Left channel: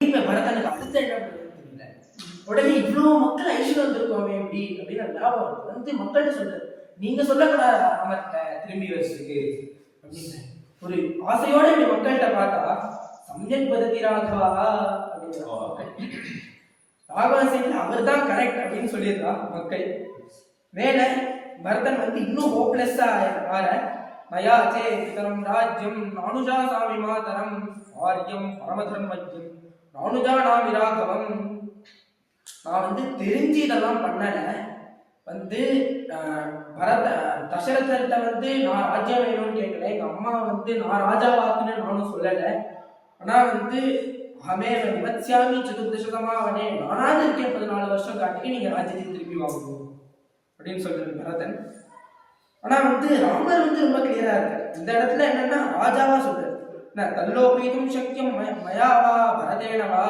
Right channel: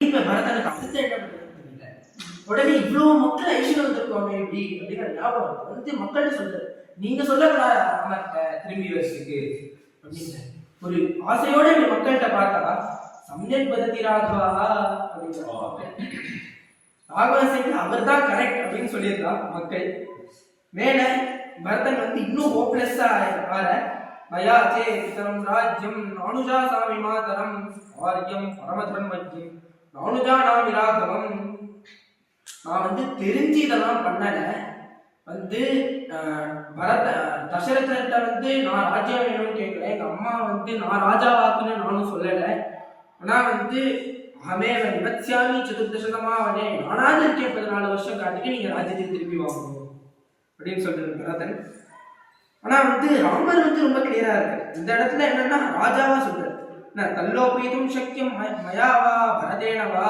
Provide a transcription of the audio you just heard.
இப்ப பரதனுக்கு அடுத்த என்ன பண்றது தெரியல. உடனே இவ்வளவு மக்கள் ஐஸ்வர்யம் வந்திருக்கோமே எப்படி அப்படின்னு ஞாபகம் வந்து மக்கள்கிட்ட சொல்றாரு, நீங்க சொல்லக்கூடாது ராமத்தை திரும்பி வச்சுக்கு அப்படின்னு ஒரு ஆசையோட இப்படி மக்கள்கிட்ட பார்த்தா சமயக் பதத்தி ராகவா அப்படின்னு ராகவன் அவர் தான் கரெக்ட் அப்படின்னு சொல்லியிருக்கா மக்கள். மேல பரதன் வந்து இன்னும் ஹோப்லெஸ்ஸா ஆற மயா சேதரம் ராஜ்யம் நானுஜா சாமி மாதரம் ஆரியம் பரமதர்மஜ்யம் நானுஜா நாம் விராகவம். நான் வந்து தெரிஞ்சு இதெல்லாம் பண்ணல, வந்து தசரதர்கிட்ட வந்து நான் ராஜ்யம் வேணும்னு கேட்கல, எங்க அம்மா வந்து நான் ராஜாவாக்குன்னு நானும் சொல்லலை. ஆனா வந்து அமே விமத்யாமி சதுர்தசதமாவனே நானாவது இருக்கேன் 14 வருஷம் காட்டிட்டு நீங்க ராஜ்யத்தை திருப்பி வாங்கணும் அப்படின்னு சொல்றது பரதன். ஆனா வந்து ராமர் வந்து ரொம்ப கிளியரா இருக்கு. இந்த இடத்துல என்னன்னா ராஜாவா சொல்றாரு, தல்லோபீதும் சக்கியம் மயாவா பரதேனவா